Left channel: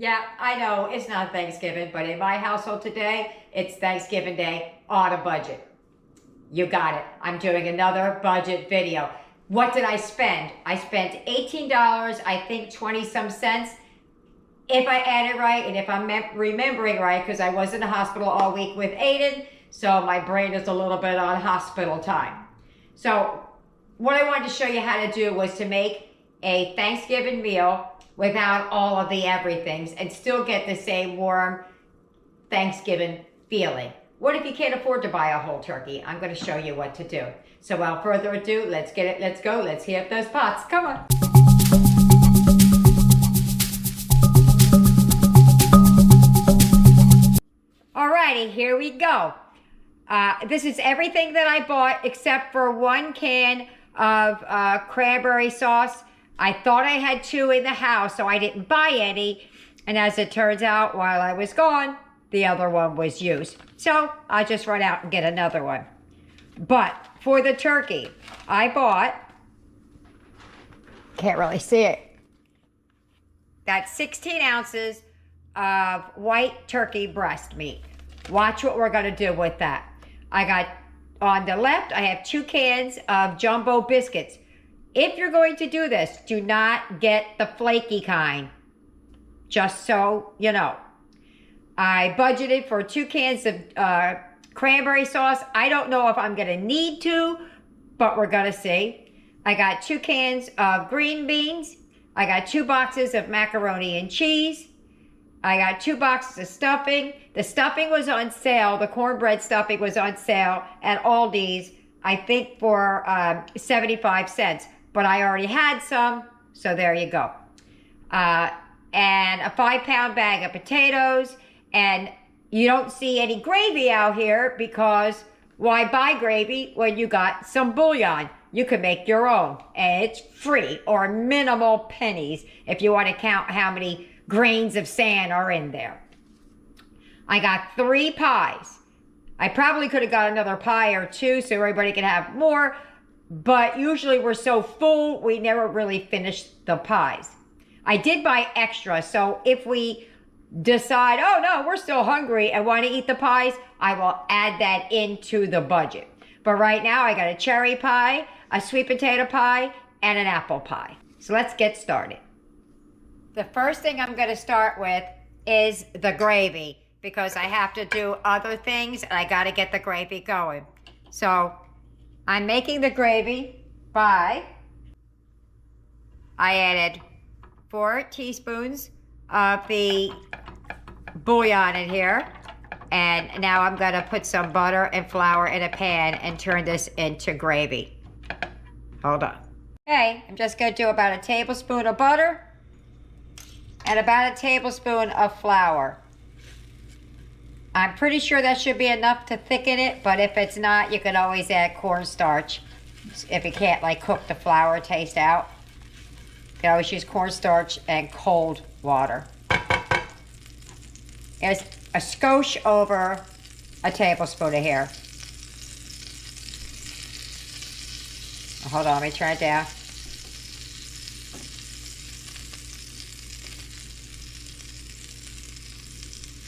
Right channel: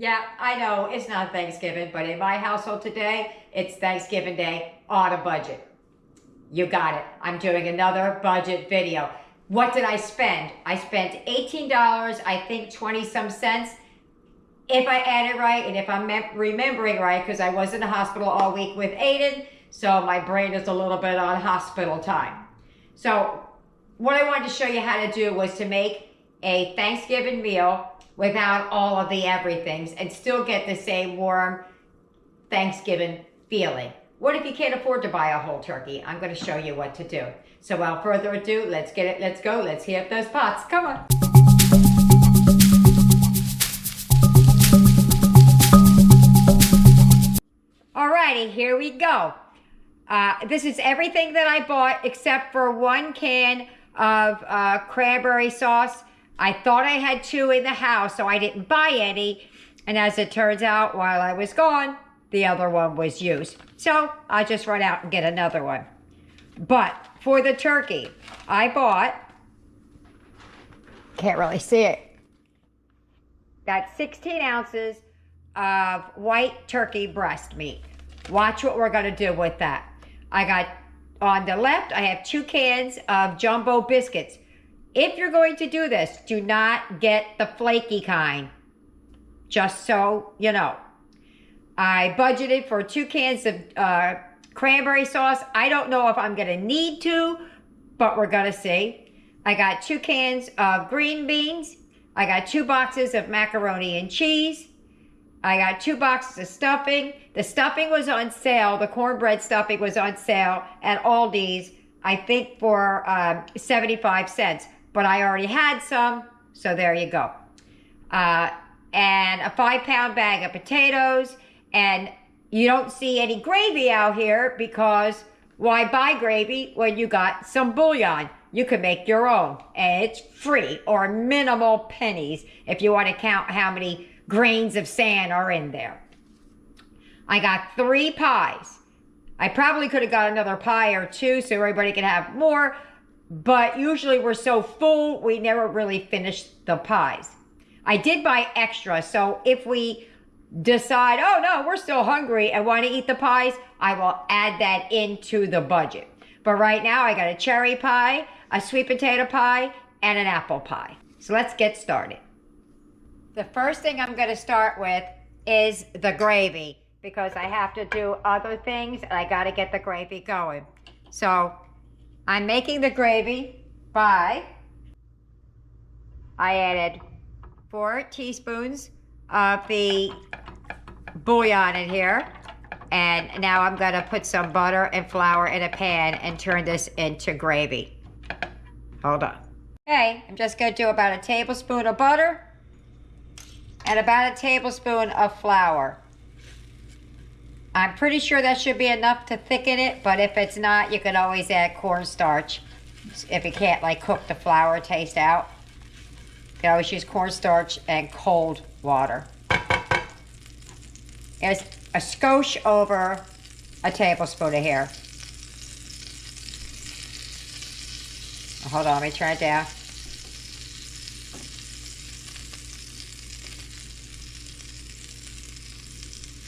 Yeah, I know it's not Thanksgiving, but in my household today, it's Thanksgiving Day on a budget. You got it. I'm doing another budget video. What did I spend? I spent $18, I think 20 some cents. If I added right, and if I'm remembering right, because I was in the hospital all week with Aiden, so my brain is a little bit on hospital time. So what I wanted to show you how to do was to make a Thanksgiving meal without all of the everythings and still get the same warm Thanksgiving feeling. What if you can't afford to buy a whole turkey? I'm going to show you what to do. So without further ado, let's get it. Let's go. Let's heat up those pots. Come on. Alrighty, here we go. This is everything that I bought except for 1 can of cranberry sauce. I thought I had 2 in the house, so I didn't buy any. And as it turns out, while I was gone, the other one was used. So I'll just run out and get another one. But for the turkey, I bought, can't really see it, that's 16 ounces of white turkey breast meat. Watch what we're gonna do with that. I got, on the left, I have 2 cans of jumbo biscuits. If you're going to do this, do not get the flaky kind, just so you know. I budgeted for 2 cans of cranberry sauce. I don't know if I'm gonna need to, but we're gonna see. I got 2 cans of green beans. I got 2 boxes of macaroni and cheese. I got 2 boxes of stuffing. The stuffing was on sale. The cornbread stuffing was on sale at Aldi's, I think for 75 cents. But I already had some, so there you go. And a 5-pound bag of potatoes. And you don't see any gravy out here because why buy gravy when you got some bouillon? You can make your own, and it's free or minimal pennies if you want to count how many grains of sand are in there. I got 3 pies. I probably could have got another pie or 2 so everybody could have more, but usually we're so full, we never really finish the pies. I did buy extra, so if we decide, oh no, we're still hungry and want to eat the pies, I will add that into the budget. But right now I got a cherry pie, a sweet potato pie, and an apple pie. So let's get started. The first thing I'm going to start with is the gravy because I have to do other things and I got to get the gravy going. So I'm making the gravy by, I added 4 teaspoons of the bouillon in here. And now I'm going to put some butter and flour in a pan and turn this into gravy. Hold on. Okay, I'm just going to do about a tablespoon of butter and about a tablespoon of flour. I'm pretty sure that should be enough to thicken it, but if it's not, you can always add cornstarch. If you can't like cook the flour taste out, you can always use cornstarch and cold water. There's a skosh over a tablespoon of here. Hold on, let me turn it down.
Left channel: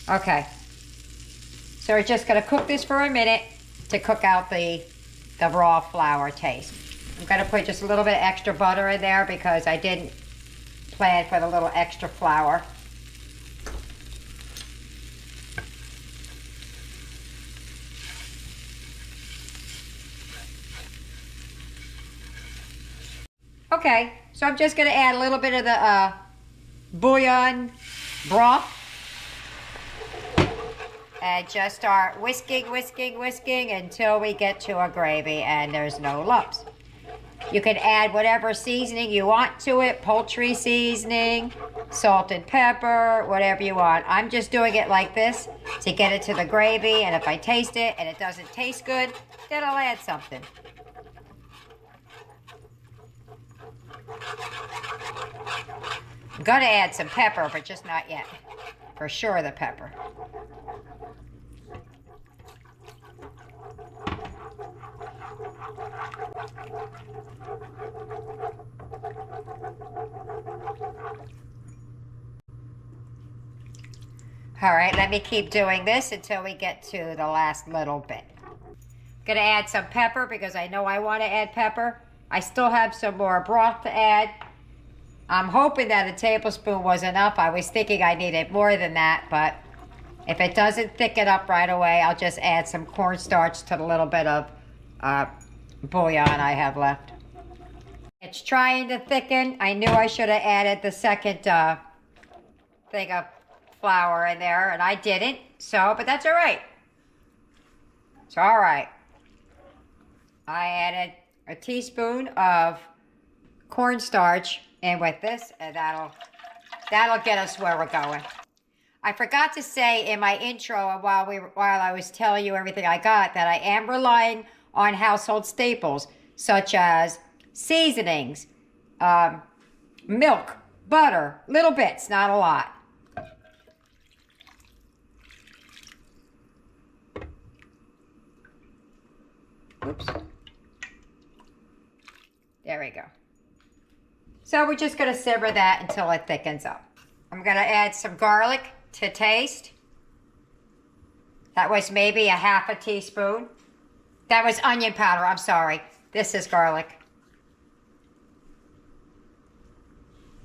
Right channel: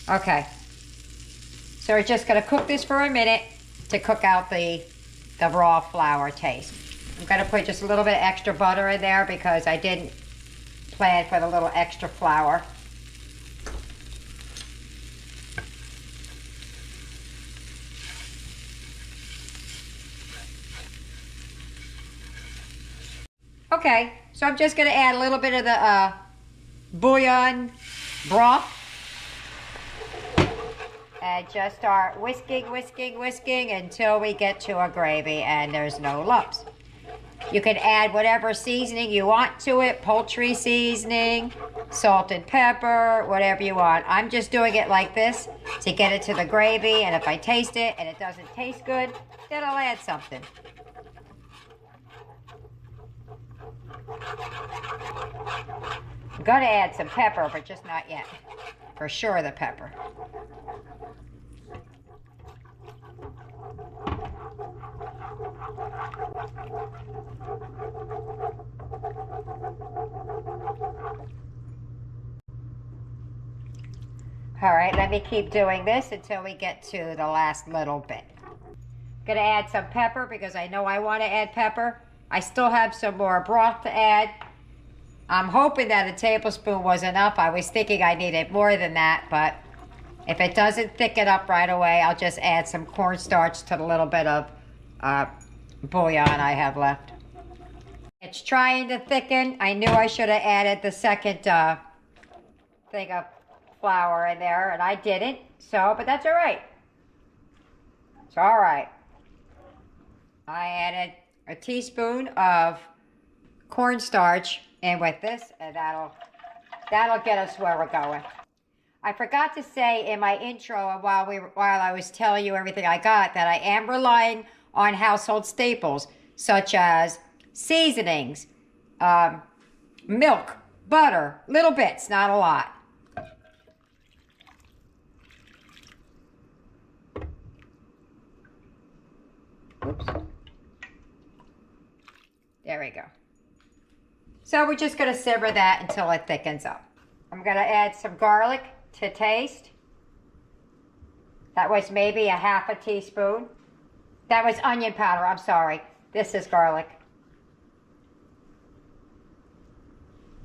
Okay. So we're just gonna cook this for a minute to cook out the raw flour taste. I'm gonna put just a little bit extra butter in there because I didn't plan for the little extra flour. Okay, so I'm just gonna add a little bit of the bouillon broth and just start whisking until we get to a gravy and there's no lumps. You can add whatever seasoning you want to it, poultry seasoning, salt and pepper, whatever you want. I'm just doing it like this to get it to the gravy, and if I taste it and it doesn't taste good, then I'll add something. I'm gonna add some pepper, but just not yet. For sure the pepper. All right, let me keep doing this until we get to the last little bit. Gonna add some pepper because I know I want to add pepper. I still have some more broth to add. I'm hoping that a tablespoon was enough. I was thinking I needed more than that, but if it doesn't thicken up right away, I'll just add some cornstarch to the little bit of bouillon I have left. It's trying to thicken. I knew I should have added the second thing of flour in there, and I didn't. So, but that's all right. It's all right. I added a teaspoon of cornstarch in with this, and that'll get us where we're going. I forgot to say in my intro, while I was telling you everything I got, that I am relying on household staples such as seasonings, milk, butter, little bits, not a lot. Oops. There we go. So we're just going to simmer that until it thickens up. I'm going to add some garlic to taste. That was maybe a half a teaspoon. That was onion powder, I'm sorry. This is garlic.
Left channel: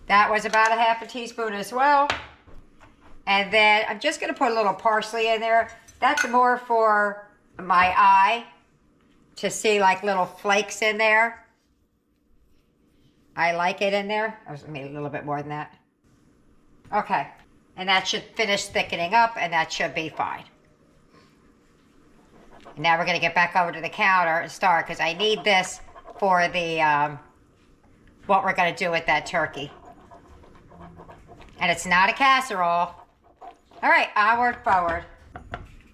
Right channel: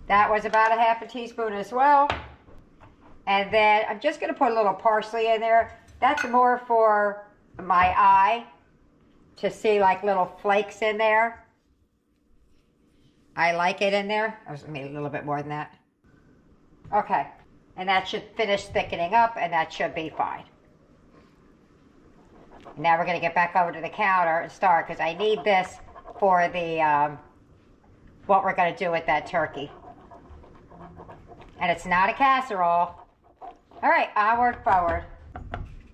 That was about a half a teaspoon as well. And then I'm just going to put a little parsley in there. That's more for my eye, to see like little flakes in there. I like it in there. I was going to make a little bit more than that. Okay. And that should finish thickening up, and that should be fine. Now we're going to get back over to the counter and start, because I need this for the what we're going to do with that turkey. And it's not a casserole. All right, onward, forward.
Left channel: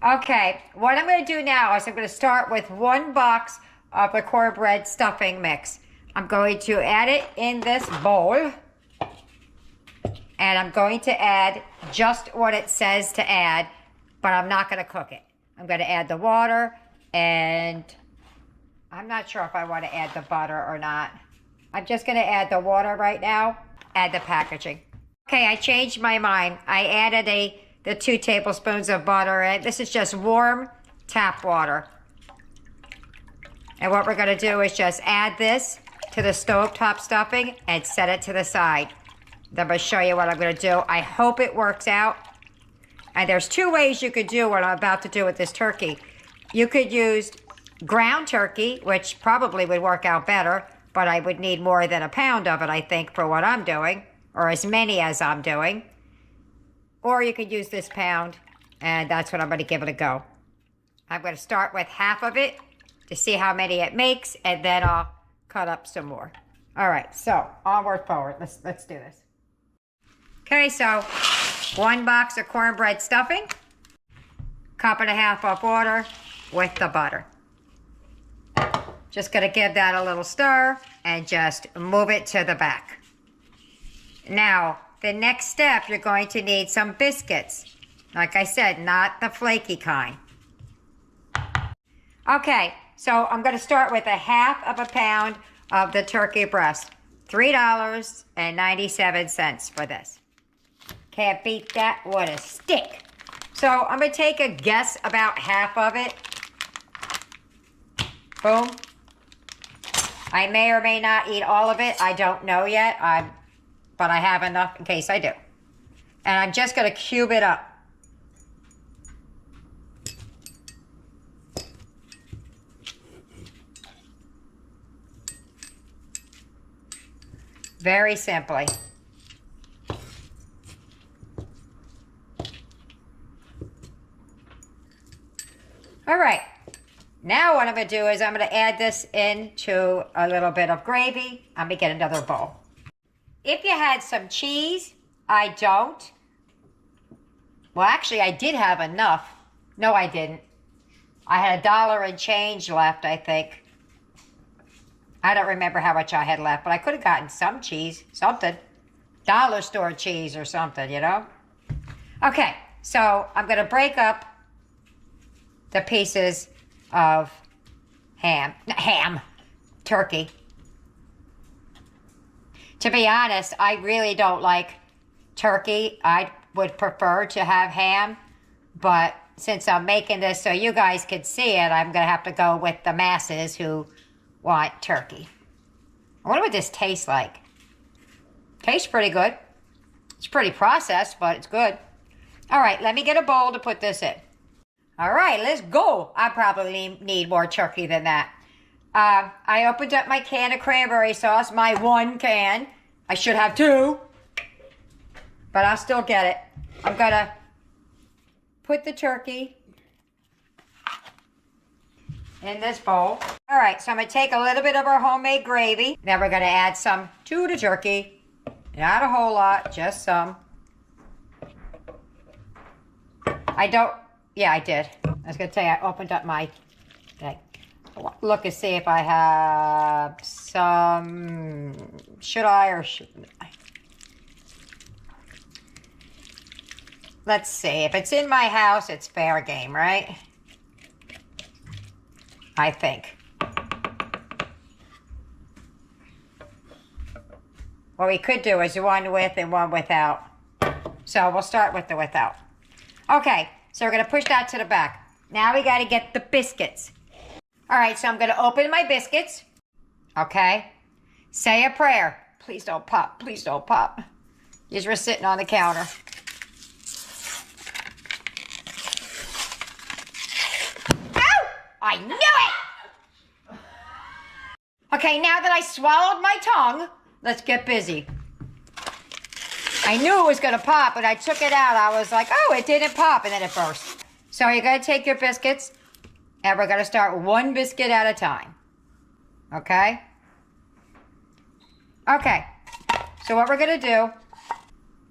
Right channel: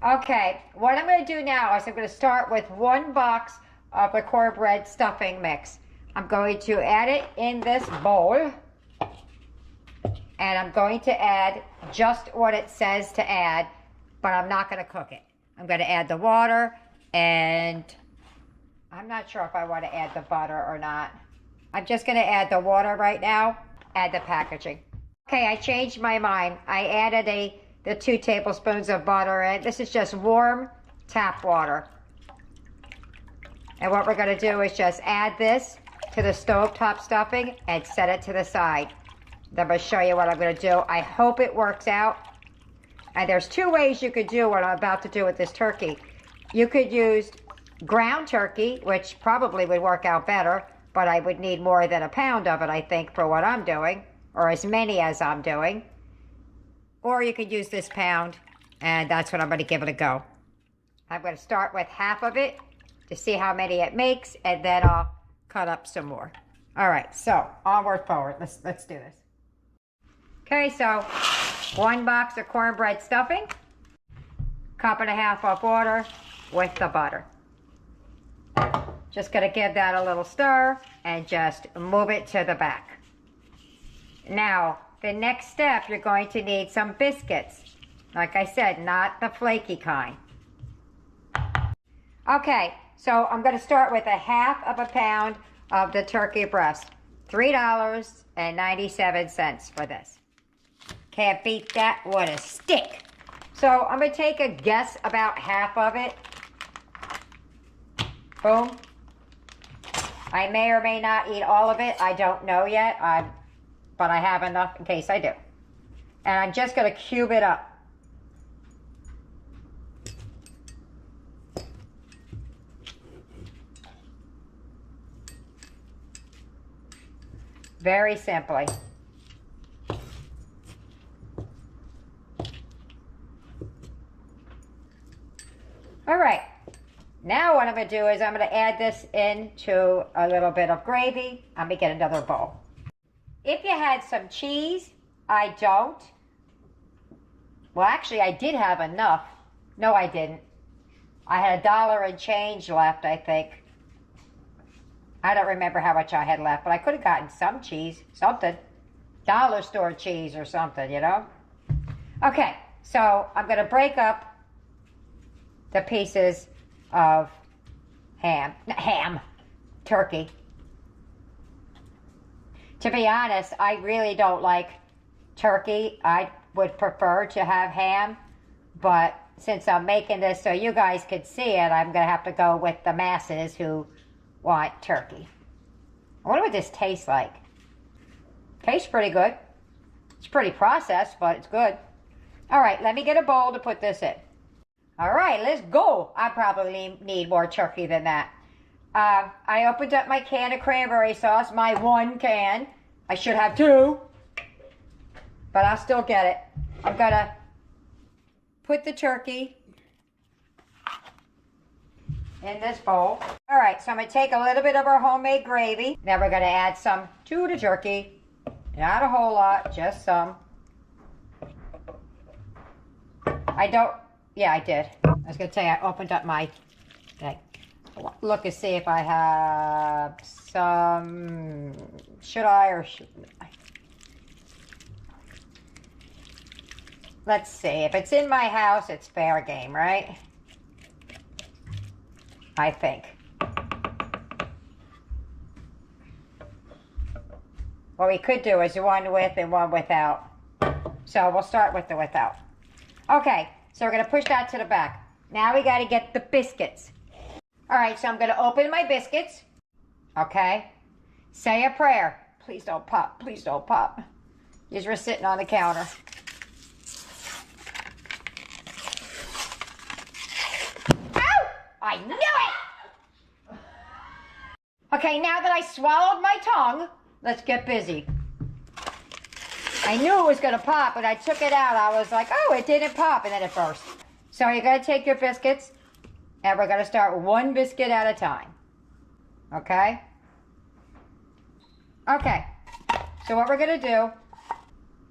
Okay, what I'm going to do now is I'm going to start with 1 box of the cornbread stuffing mix. I'm going to add it in this bowl. And I'm going to add just what it says to add, but I'm not going to cook it. I'm going to add the water, and I'm not sure if I want to add the butter or not. I'm just going to add the water right now, add the packaging. Okay, I changed my mind. I added the 2 tablespoons of butter in. This is just warm tap water. And what we're going to do is just add this to the stovetop stuffing and set it to the side. Then I'm going to show you what I'm going to do. I hope it works out. And there's 2 ways you could do what I'm about to do with this turkey. You could use ground turkey, which probably would work out better, but I would need more than a pound of it, I think, for what I'm doing, or as many as I'm doing. Or you could use this pound, and that's what I'm going to give it a go. I'm going to start with half of it to see how many it makes, and then I'll cut up some more. All right, so onward, forward. Let's do this. Okay, so 1 box of cornbread stuffing, 1.5 cups of water with the butter. Just gonna give that a little stir and just move it to the back. Now, the next step, you're going to need some biscuits. Like I said, not the flaky kind. Okay, so I'm gonna start with 1/2 pound of the turkey breast. $3.97 for this. Can't beat that with a stick. So I'm going to take a guess about half of it. Boom. I may or may not eat all of it. I don't know yet. But I have enough in case I do. And I'm just going to cube it up. Very simply. All right, now what I'm going to do is I'm going to add this into a little bit of gravy. I'm going to get another bowl. If you had some cheese, I don't. Well, actually, I did have enough. No, I didn't. I had $1 and change left, I think. I don't remember how much I had left, but I could have gotten some cheese, something. Dollar store cheese or something, you know? Okay, so I'm going to break up the pieces of turkey. To be honest, I really don't like turkey. would prefer to have ham, but since I'm making this so you guys can see it, I'm going to have to go with the masses who want turkey. I wonder what this tastes like. Tastes pretty good. It's pretty processed, but it's good. All right, let me get a bowl to put this in. All right, let's go. I probably need more turkey than that. I opened up my can of cranberry sauce, my 1 can. I should have 2, but I'll still get it. I'm gonna put the turkey in this bowl. All right, so I'm gonna take a little bit of our homemade gravy. Then we're gonna add some to the turkey. Not a whole lot, just some. Yeah, I did. I was gonna tell you, I opened up my, look and see if I have some, should I or shouldn't I? Let's see, if it's in my house, it's fair game, right? I think. What we could do is one with and one without. So we'll start with the without. Okay, so we're gonna push that to the back. Now we gotta get the biscuits. All right, so I'm gonna open my biscuits. Okay, say a prayer. Please don't pop, please don't pop. These were sitting on the counter. Ow! I knew it! Okay, now that I swallowed my tongue, let's get busy. I knew it was gonna pop, but I took it out. I was like, oh, it didn't pop, and then it burst. So you're gonna take your biscuits, and we're gonna start 1 biscuit at a time. Okay? Okay, so what we're gonna do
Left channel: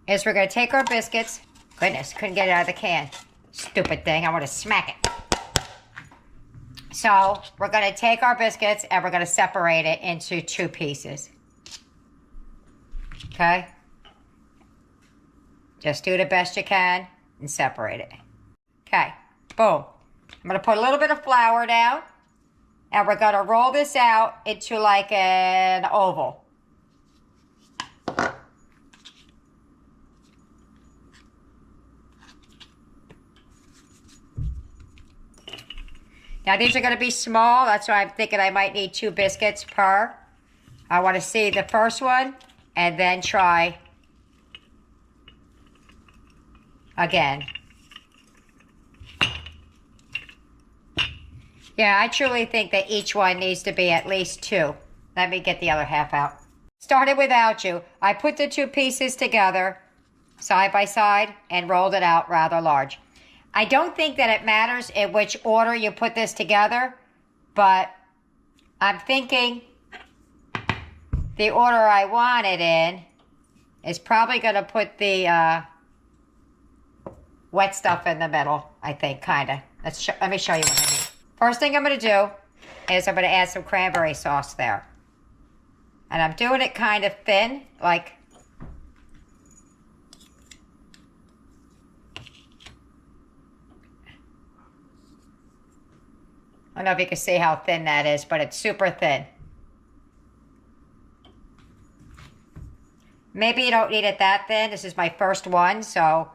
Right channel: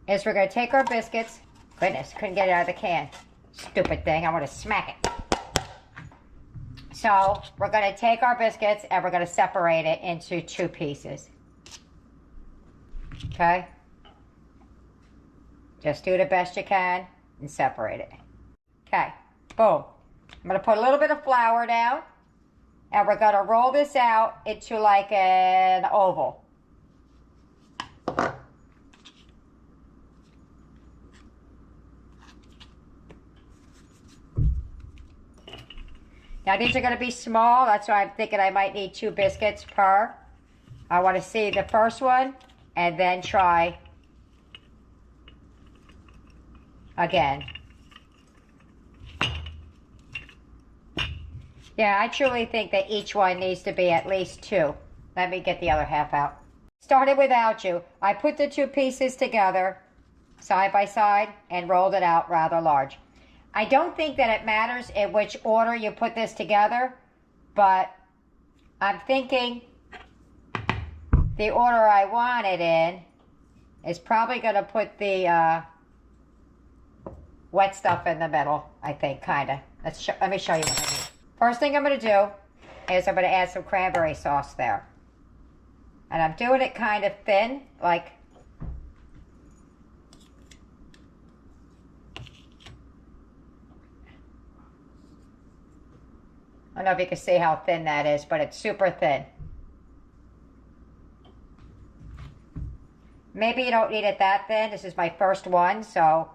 is we're gonna take our biscuits. Goodness, couldn't get it out of the can. Stupid thing, I wanna smack it. So we're gonna take our biscuits and we're gonna separate it into 2 pieces. Okay? Just do the best you can and separate it. Okay, boom. I'm gonna put a little bit of flour down and we're gonna roll this out into like an oval. Now these are gonna be small, that's why I'm thinking I might need 2 biscuits per. I wanna see the first one and then try again. Yeah, I truly think that each one needs to be at least 2. Let me get the other half out. Started without you. I put the 2 pieces together side by side and rolled it out rather large. I don't think that it matters in which order you put this together, but I'm thinking the order I want it in is probably going to put the wet stuff in the middle, I think, kind of. Let me show you what I mean. First thing I'm going to do is I'm going to add some cranberry sauce there. And I'm doing it kind of thin, like... I don't know if you can see how thin that is, but it's super thin. Maybe you don't need it that thin. This is my first one, so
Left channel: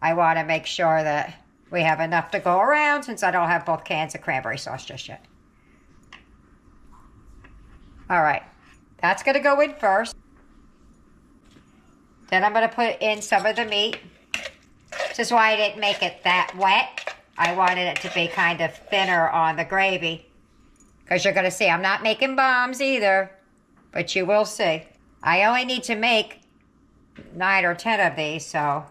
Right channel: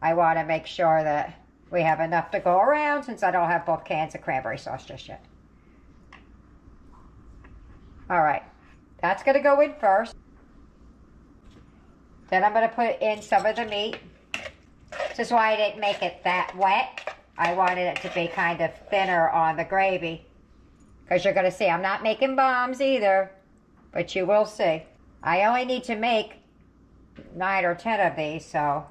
I want to make sure that we have enough to go around since I don't have both cans of cranberry sauce just yet. All right, that's going to go in first. Then I'm going to put in some of the meat. This is why I didn't make it that wet. I wanted it to be kind of thinner on the gravy. Because you're going to see, I'm not making bombs either. But you will see. I only need to make 9 or 10 of these, so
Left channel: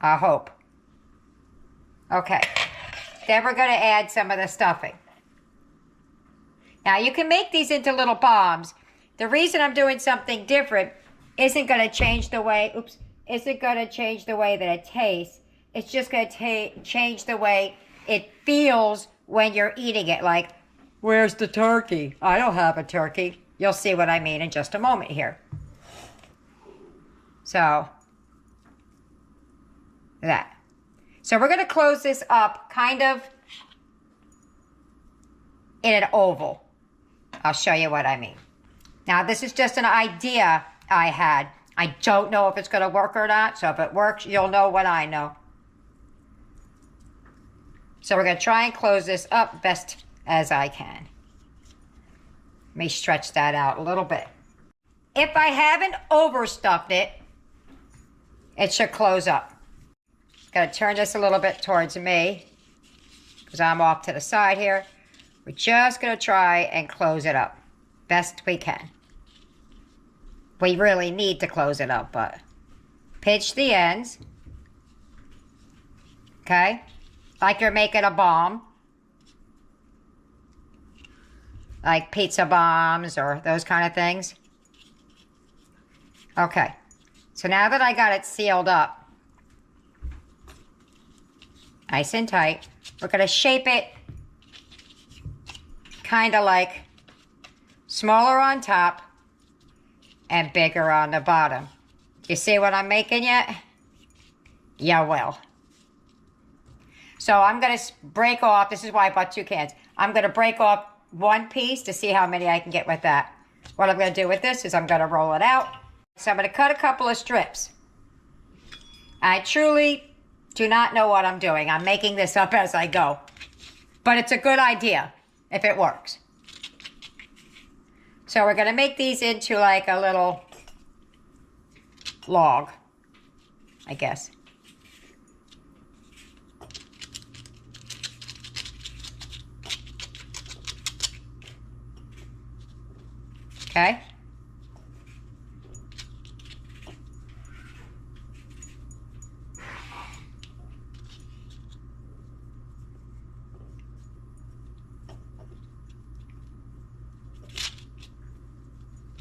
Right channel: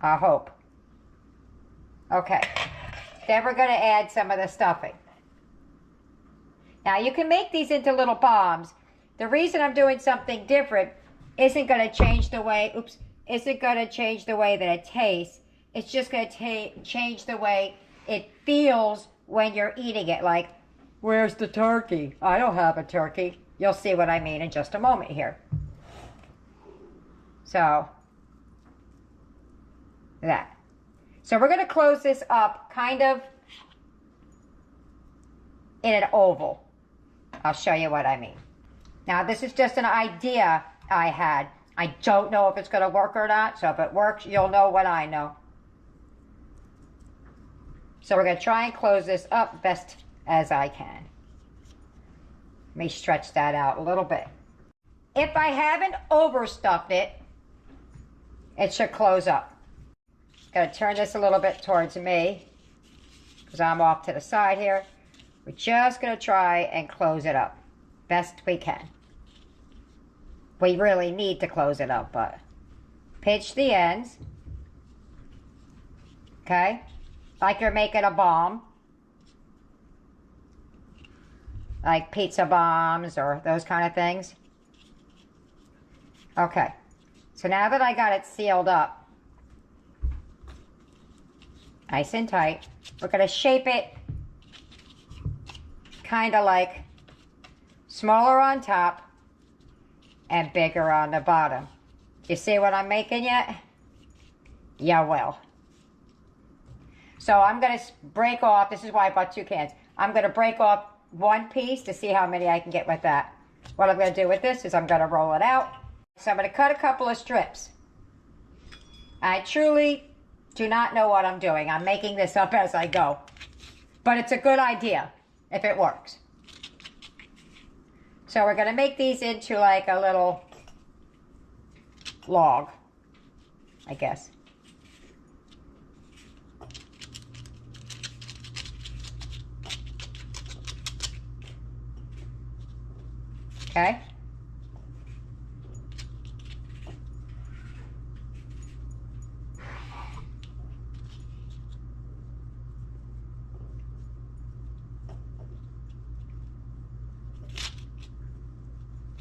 I hope. Okay. Then we're going to add some of the stuffing. Now, you can make these into little bombs. The reason I'm doing something different isn't going to change the way, isn't going to change the way that it tastes. It's just going to change the way it feels when you're eating it. Like, where's the turkey? I don't have a turkey. You'll see what I mean in just a moment here. So, that. So we're going to close this up kind of in an oval. I'll show you what I mean. Now, this is just an idea I had. I don't know if it's going to work or not, so if it works, you'll know what I know. So we're going to try and close this up best as I can. Let me stretch that out a little bit. If I haven't overstuffed it, it should close up. Going to turn this a little bit towards me because I'm off to the side here. We're just going to try and close it up best we can. We really need to close it up, but pinch the ends. Okay? Like you're making a bomb. Like pizza bombs or those kind of things. Okay. So now that I got it sealed up, nice and tight, we're going to shape it kind of like smaller on top and bigger on the bottom. You see what I'm making yet? You will. So I'm going to break off, this is why I bought 2 cans. I'm going to break off 1 piece to see how many I can get with that. What I'm going to do with this is I'm going to roll it out. So I'm going to cut a couple of strips. I truly do not know what I'm doing. I'm making this up as I go. But it's a good idea if it works. So we're going to make these into like a little log, I guess. Okay.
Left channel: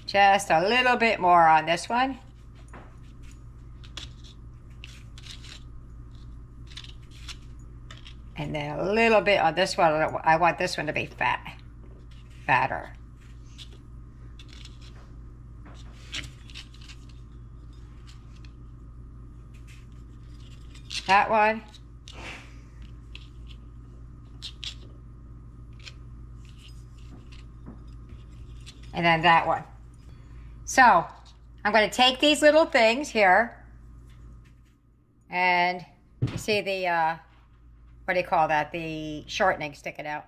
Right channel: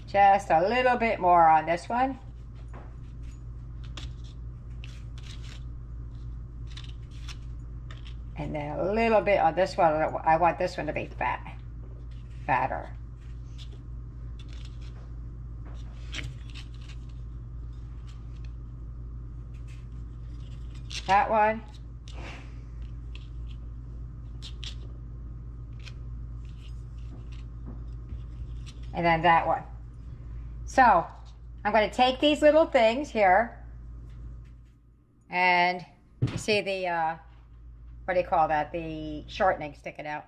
Just a little bit more on this one. And then a little bit on this one. I want this one to be fatter. That one. And then that one. So, I'm going to take these little things here, and you see the, what do you call that? The shortening sticking out.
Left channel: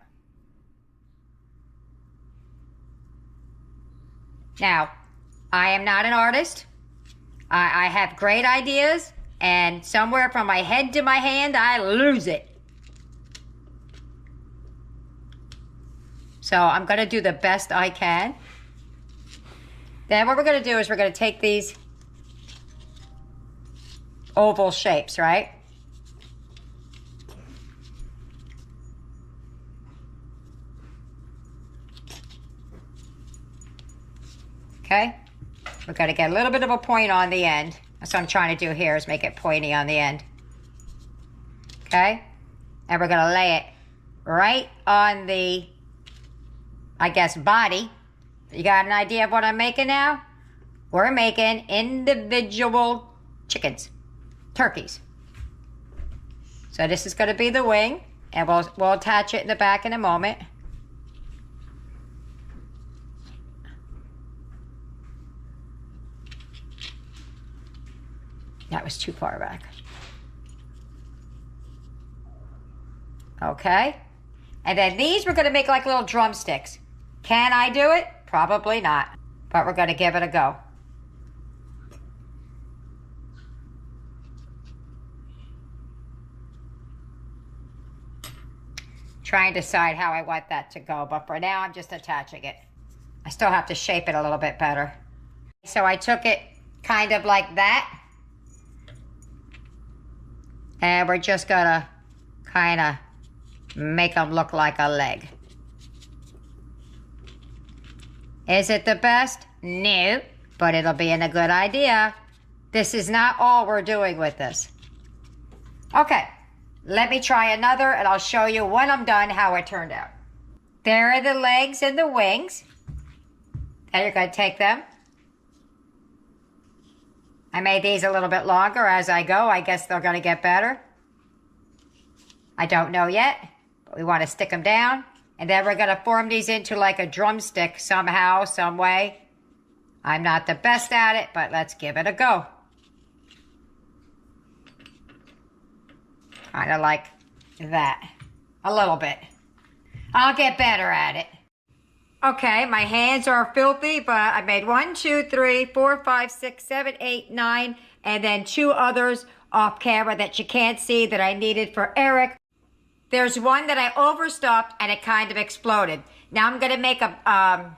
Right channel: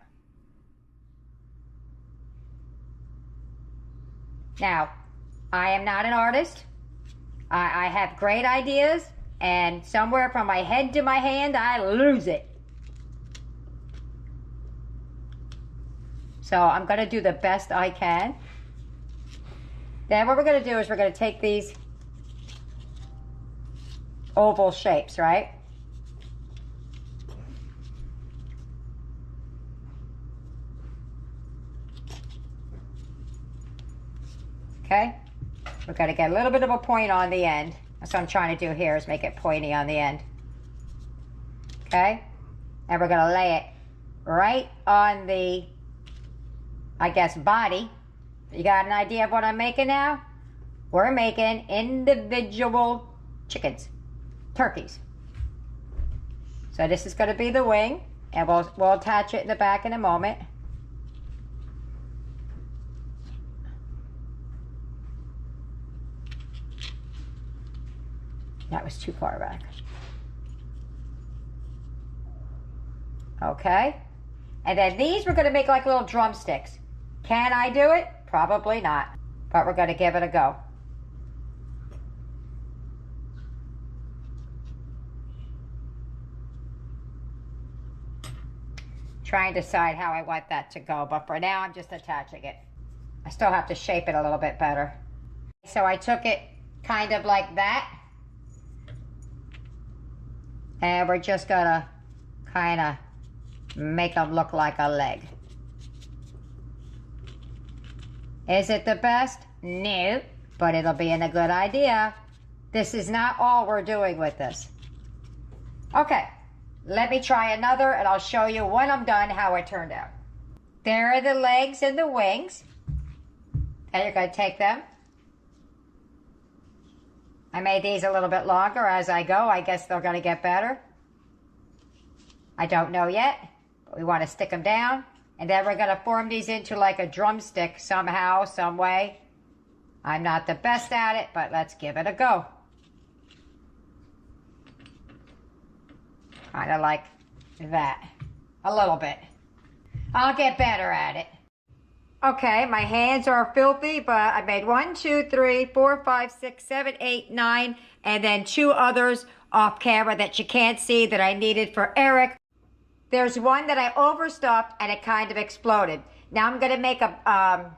Now, I am not an artist. I have great ideas, and somewhere from my head to my hand, I lose it. So, I'm going to do the best I can. Then what we're going to do is we're going to take these oval shapes, right? Okay? We're going to get a little bit of a point on the end. That's what I'm trying to do here, is make it pointy on the end. Okay? And we're going to lay it right on the, I guess, body. You got an idea of what I'm making now? We're making individual chickens, turkeys. So this is going to be the wing, and we'll attach it in the back in a moment. That was too far back. Okay. And then these we're going to make like little drumsticks. Can I do it? Probably not, but we're going to give it a go. Try and decide how I want that to go, but for now I'm just attaching it. I still have to shape it a little bit better. So I took it kind of like that, and we're just going to kind of make them look like a leg. Is it the best? No, but it'll be a good idea. This is not all we're doing with this. Okay, let me try another and I'll show you when I'm done how it turned out. There are the legs and the wings. And you're going to take them. I made these a little bit longer as I go. I guess they're going to get better. I don't know yet, but we want to stick them down. And then we're going to form these into like a drumstick somehow, some way. I'm not the best at it, but let's give it a go. Kind of like that. A little bit. I'll get better at it. Okay, my hands are filthy, but I made 1, 2, 3, 4, 5, 6, 7, 8, 9, and then 2 others off camera that you can't see that I needed for Eric. There's one that I overstuffed and it kind of exploded. Now I'm gonna make a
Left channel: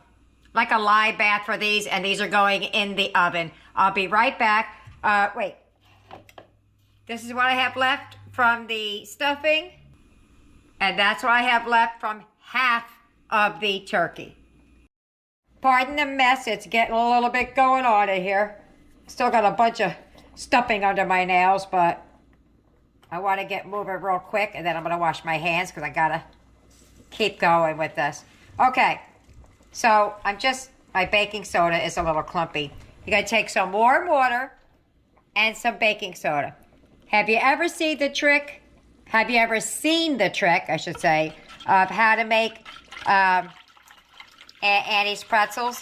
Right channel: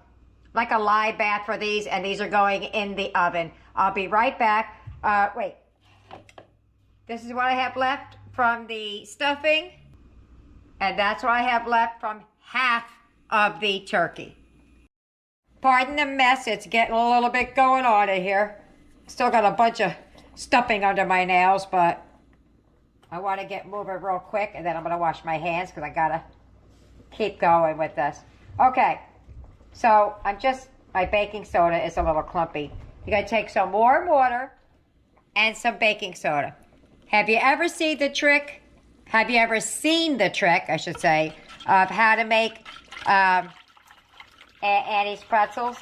like a lye bath for these, and these are going in the oven. I'll be right back. Wait, this is what I have left from the stuffing, and that's what I have left from half of the turkey. Pardon the mess, it's getting a little bit going on in here. Still got a bunch of stuffing under my nails, but I want to get moving real quick, and then I'm going to wash my hands because I got to keep going with this. Okay, so my baking soda is a little clumpy. You're going to take some warm water and some baking soda. Have you ever seen the trick, I should say, of how to make Annie's pretzels?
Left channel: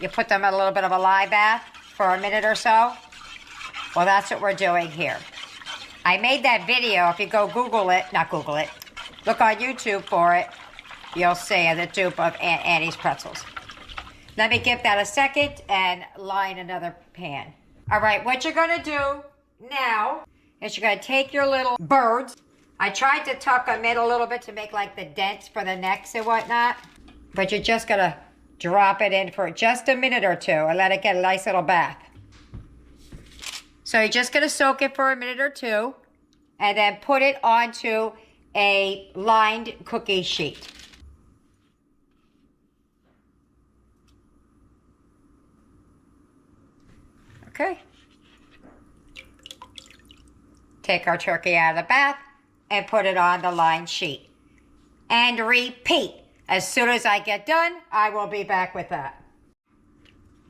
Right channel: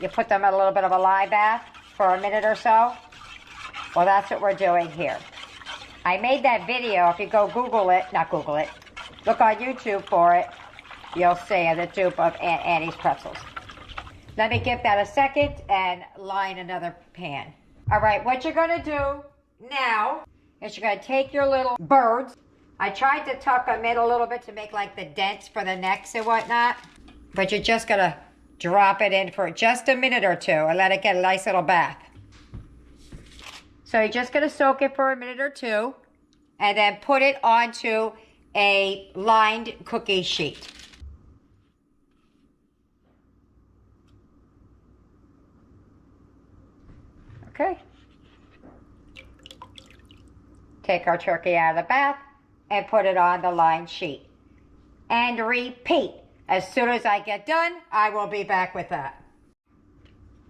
You put them in a little bit of a lye bath for a minute or so. Well, that's what we're doing here. I made that video. If you go look on YouTube for it, you'll see the dupe of Annie's pretzels. Let me give that a second and line another pan. All right, what you're gonna do now is you're gonna take your little birds. I tried to tuck them in a little bit to make like the dents for the necks and whatnot, but you're just gonna drop it in for just a minute or two and let it get a nice little bath. So you're just gonna soak it for a minute or two and then put it onto a lined cookie sheet. Okay. Take our turkey out of the bath and put it on the lined sheet. And repeat. As soon as I get done, I will be back with that.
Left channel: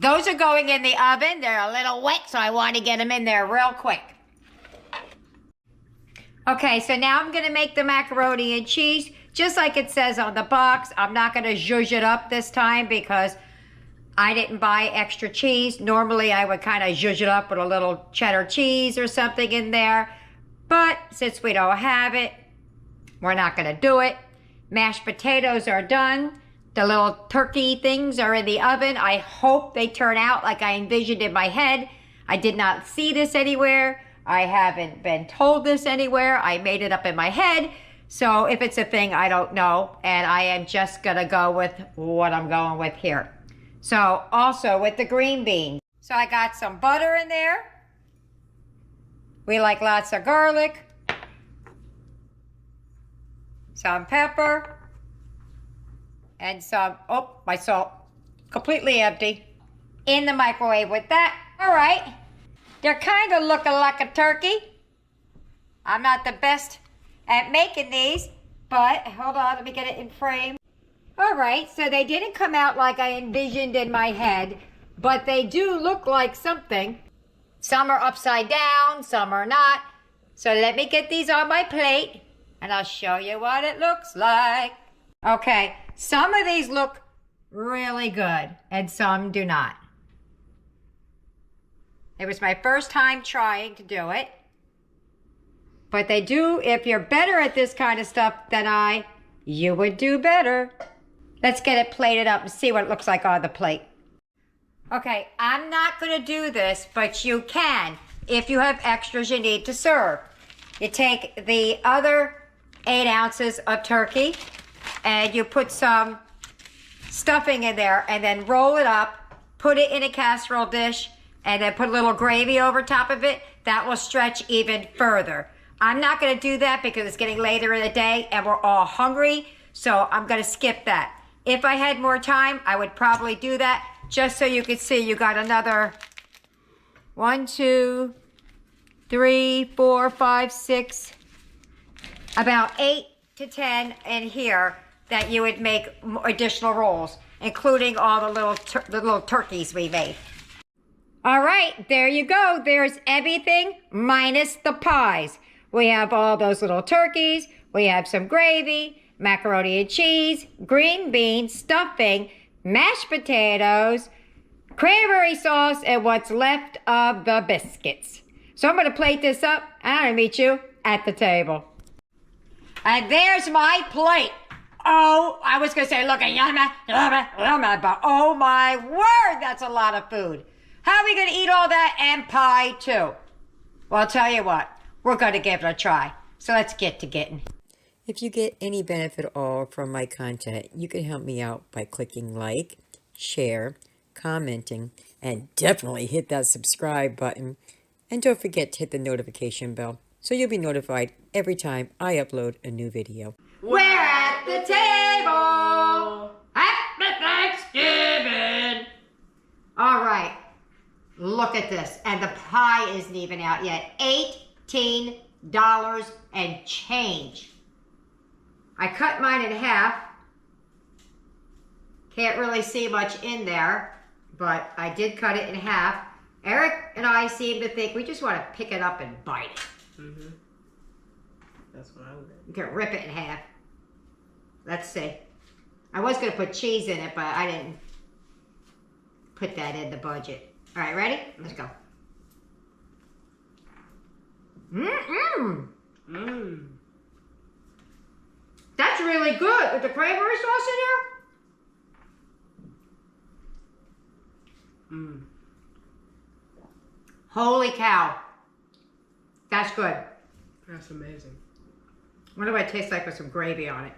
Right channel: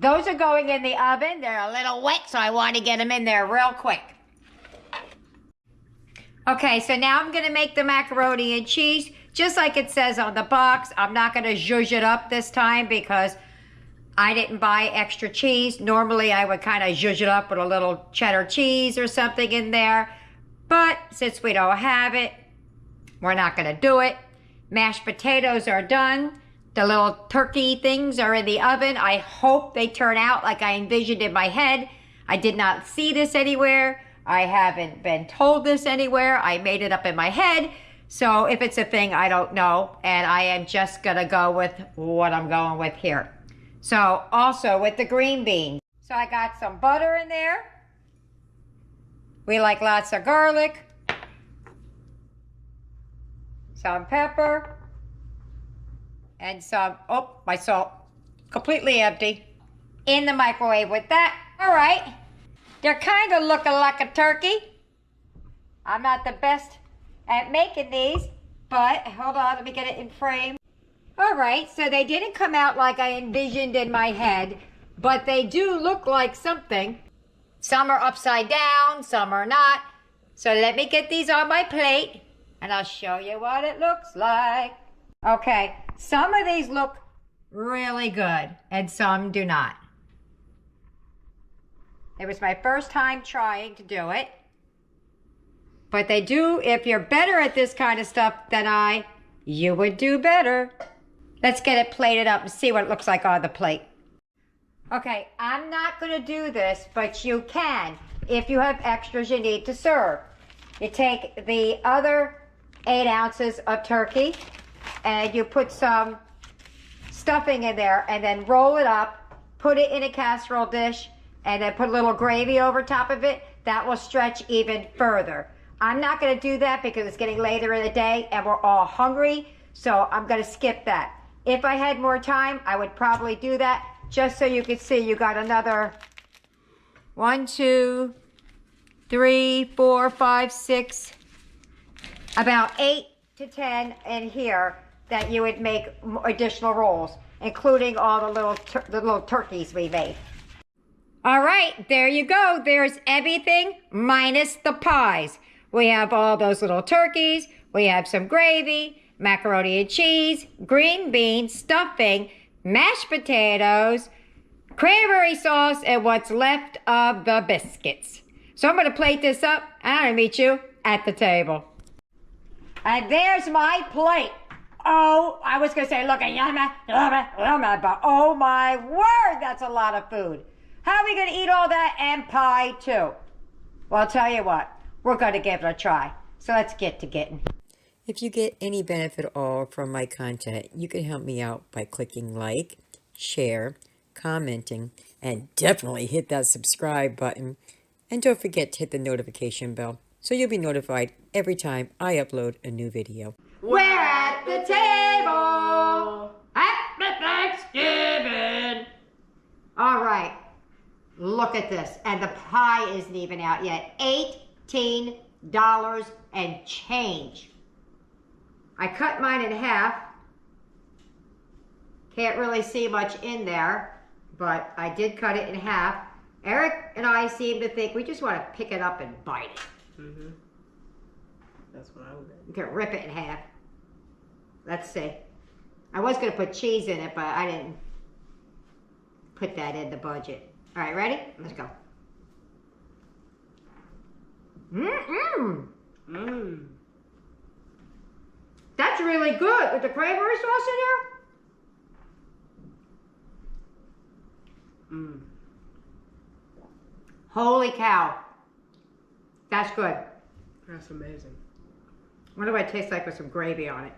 Those are going in the oven. They're a little wet, so I want to get them in there real quick. Okay, so now I'm going to make the macaroni and cheese just like it says on the box. I'm not going to zhuzh it up this time because I didn't buy extra cheese. Normally, I would kind of zhuzh it up with a little cheddar cheese or something in there. But since we don't have it, we're not going to do it. Mashed potatoes are done. The little turkey things are in the oven. I hope they turn out like I envisioned in my head. I did not see this anywhere. I haven't been told this anywhere. I made it up in my head. So if it's a thing, I don't know. And I am just going to go with what I'm going with here. So also with the green beans. So I got some butter in there. We like lots of garlic. Some pepper. And some, my salt. Completely empty. In the microwave with that. All right. They're kind of looking like a turkey. I'm not the best at making these, but hold on, let me get it in frame. All right, so they didn't come out like I envisioned in my head, but they do look like something. Some are upside down, some are not. So let me get these on my plate, and I'll show you what it looks like. Okay, some of these look really good, and some do not. It was my first time trying to do it. But they do, if you're better at this kind of stuff than you would do better. Let's get it plated up and see what it looks like on the plate. Okay, I'm not going to do this, but you can if you have extras you need to serve. You take the other 8 ounces of turkey and you put some stuffing in there and then roll it up, put it in a casserole dish, and then put a little gravy over top of it. That will stretch even further. I'm not going to do that because it's getting later in the day and we're all hungry, so I'm going to skip that. If I had more time, I would probably do that just so you could see you got another 1, 2, 3, 4, 5, 6, about 8 to 10 in here that you would make additional rolls, including all the little turkeys we made. All right, there you go. There's everything minus the pies. We have all those little turkeys. We have some gravy, macaroni and cheese, green beans, stuffing, mashed potatoes, cranberry sauce and what's left of the biscuits. So I'm going to plate this up, and I'm going to meet you at the table. And there's my plate. Oh, I was going to say, look at yumma, but oh my word, that's a lot of food. How are we going to eat all that and pie too? Well, I'll tell you what, we're going to give it a try. So let's get to getting. If you get any benefit at all from my content, you can help me out by clicking like, share, commenting, and definitely hit that subscribe button. And don't forget to hit the notification bell so you'll be notified every time I upload a new video. We're at the table! Happy Thanksgiving! All right, look at this. And the pie isn't even out yet. $18 and change. I cut mine in half. Can't really see much in there, but I did cut it in half. Eric and I seem to think we just want to pick it up and bite it. Mm-hmm. That's what I would do. You can rip it in half. Let's see. I was going to put cheese in it, but I didn't put that in the budget. All right, ready? Let's go. Mmm. Mmm. That's really good with the cranberry sauce in there. Mmm. Holy cow. That's good. That's amazing. What do it taste like with some gravy on it?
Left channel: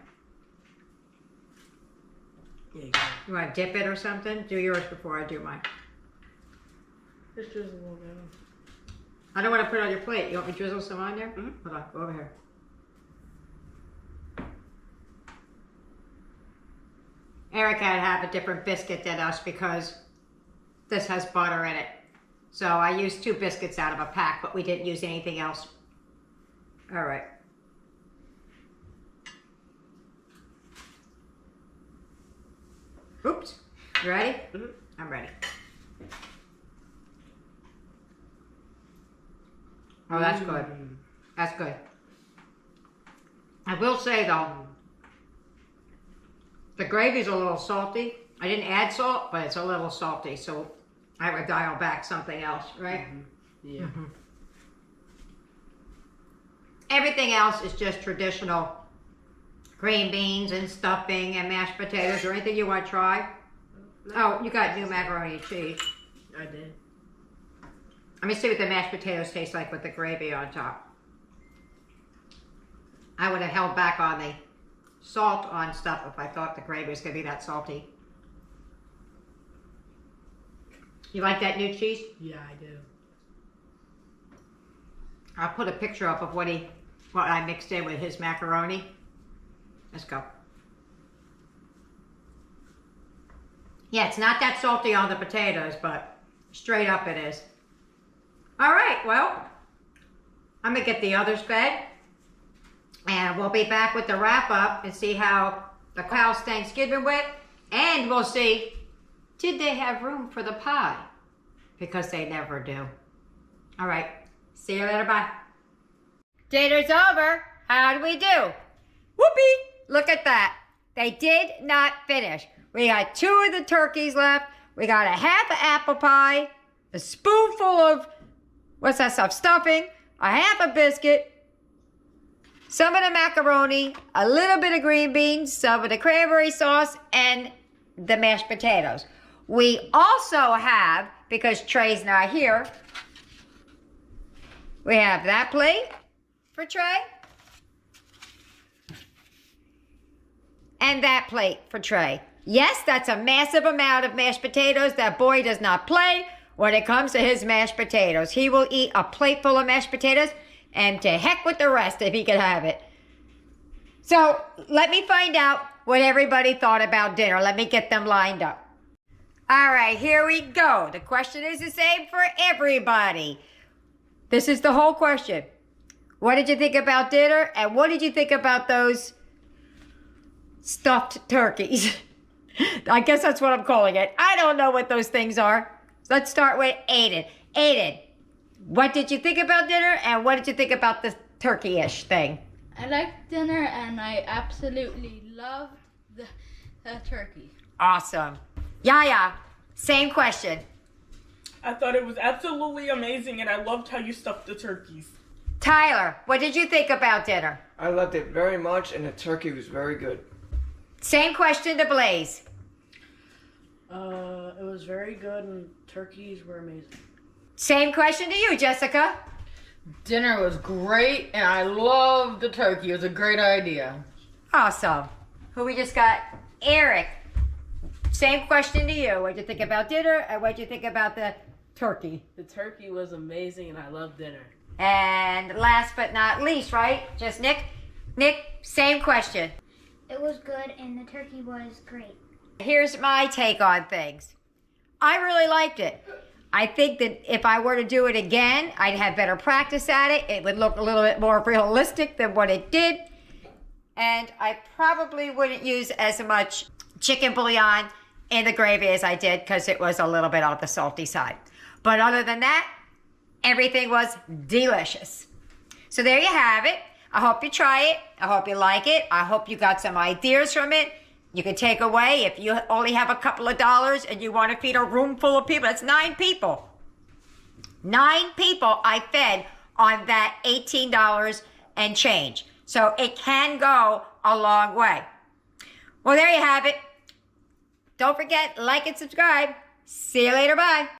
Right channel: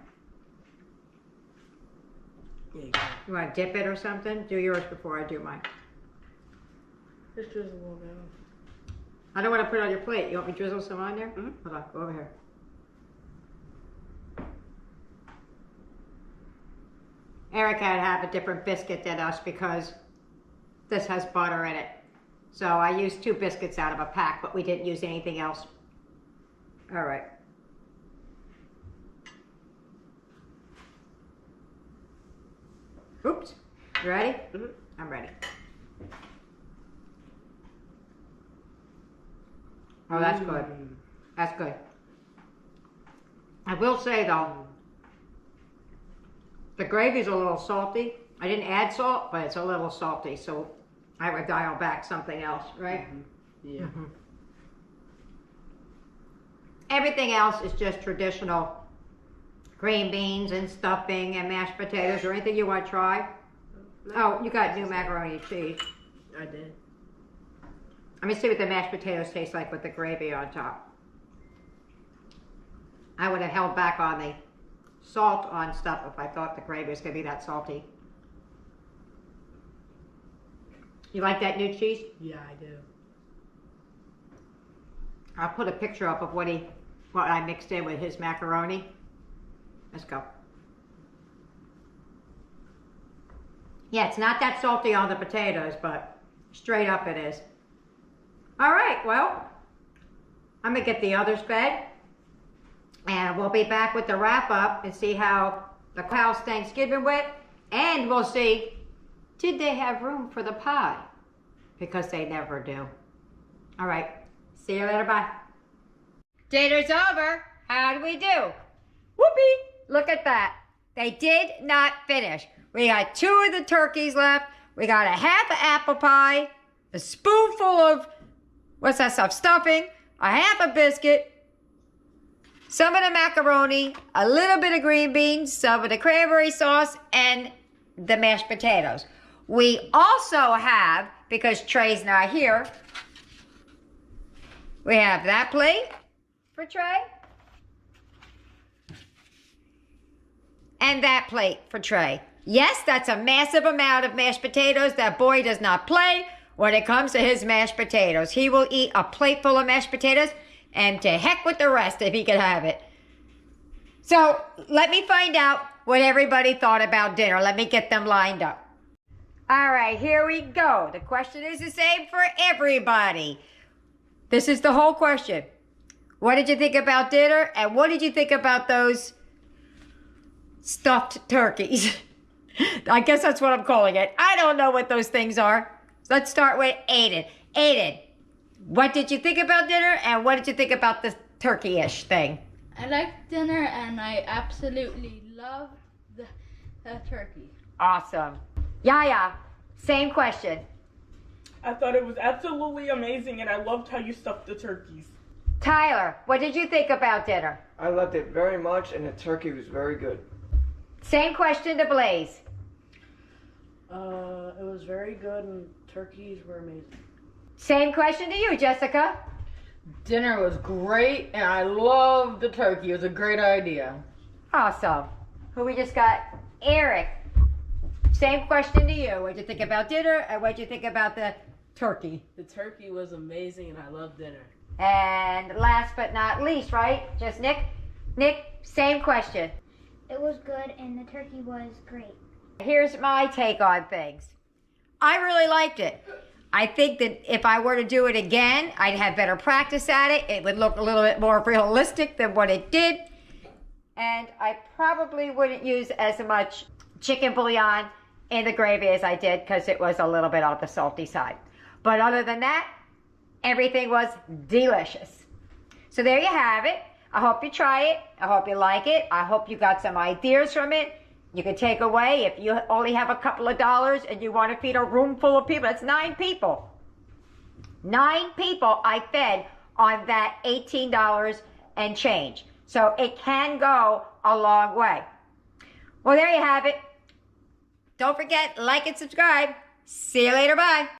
Yeah, you can. You want to dip it or something? Do yours before I do mine. It's just a little bit. I don't want to put it on your plate. You want me to drizzle some on there? Mm-hmm. Hold on, go over here. Eric had to have a different biscuit than us because this has butter in it. So I used 2 biscuits out of a pack, but we didn't use anything else. All right. Oops. You ready? Mm-hmm. I'm ready. Oh, that's good. That's good. I will say though, the gravy's a little salty. I didn't add salt, but it's a little salty, so I would dial back something else, right? Mm-hmm. Yeah. Mm-hmm. Everything else is just traditional green beans and stuffing and mashed potatoes or anything you want to try. Oh, you got new macaroni and cheese. I did. Let me see what the mashed potatoes taste like with the gravy on top. I would have held back on the salt on stuff if I thought the gravy was going to be that salty. You like that new cheese? Yeah, I do. I'll put a picture up of what I mixed in with his macaroni. Let's go. Yeah, it's not that salty on the potatoes, but straight up it is. All right, well, I'm gonna get the others fed, and we'll be back with the wrap up and see how the house Thanksgiving went, and we'll see, did they have room for the pie? Because they never do. All right, see you later, bye. Dinner's over. How do we do? Whoopee! Look at that. They did not finish. We got 2 of the turkeys left. We got a half of apple pie, a spoonful of, what's that stuff, stuffing, a half a biscuit, some of the macaroni, a little bit of green beans, some of the cranberry sauce, and the mashed potatoes. We also have, because Trey's not here, we have that plate for Trey. And that plate for Trey. Yes, that's a massive amount of mashed potatoes. That boy does not play when it comes to his mashed potatoes. He will eat a plate full of mashed potatoes, and to heck with the rest if he could have it. So let me find out what everybody thought about dinner. Let me get them lined up. All right, here we go. The question is the same for everybody. This is the whole question. What did you think about dinner, and what did you think about those stuffed turkeys? I guess that's what I'm calling it. I don't know what those things are. Let's start with Aiden. Aiden, what did you think about dinner, and what did you think about the turkey-ish thing? I liked dinner, and I absolutely loved the turkey. Awesome. Yaya, same question. I thought it was absolutely amazing, and I loved how you stuffed the turkeys. Tyler, what did you think about dinner? I loved it very much, and the turkey was very good. Same question to Blaze. It was very good and turkeys were amazing. Same question to you, Jessica. Dinner was great, and I loved the turkey. It was a great idea. Awesome. Who we just got? Eric. Same question to you. What'd you think about dinner, and what'd you think about the turkey? The turkey was amazing and I loved dinner. And last but not least, right? Just Nick. Nick, same question. It was good and the turkey was great. Here's my take on things. I really liked it. I think that if I were to do it again, I'd have better practice at it. It would look a little bit more realistic than what it did. And I probably wouldn't use as much chicken bouillon in the gravy as I did because it was a little bit on the salty side. But other than that, everything was delicious. So there you have it. I hope you try it. I hope you like it. I hope you got some ideas from it. You can take away if you only have a couple of dollars and you want to feed a room full of people. That's 9 people. 9 people I fed on that $18 and change. So it can go a long way. Well, there you have it. Don't forget, like and subscribe. See you later. Bye.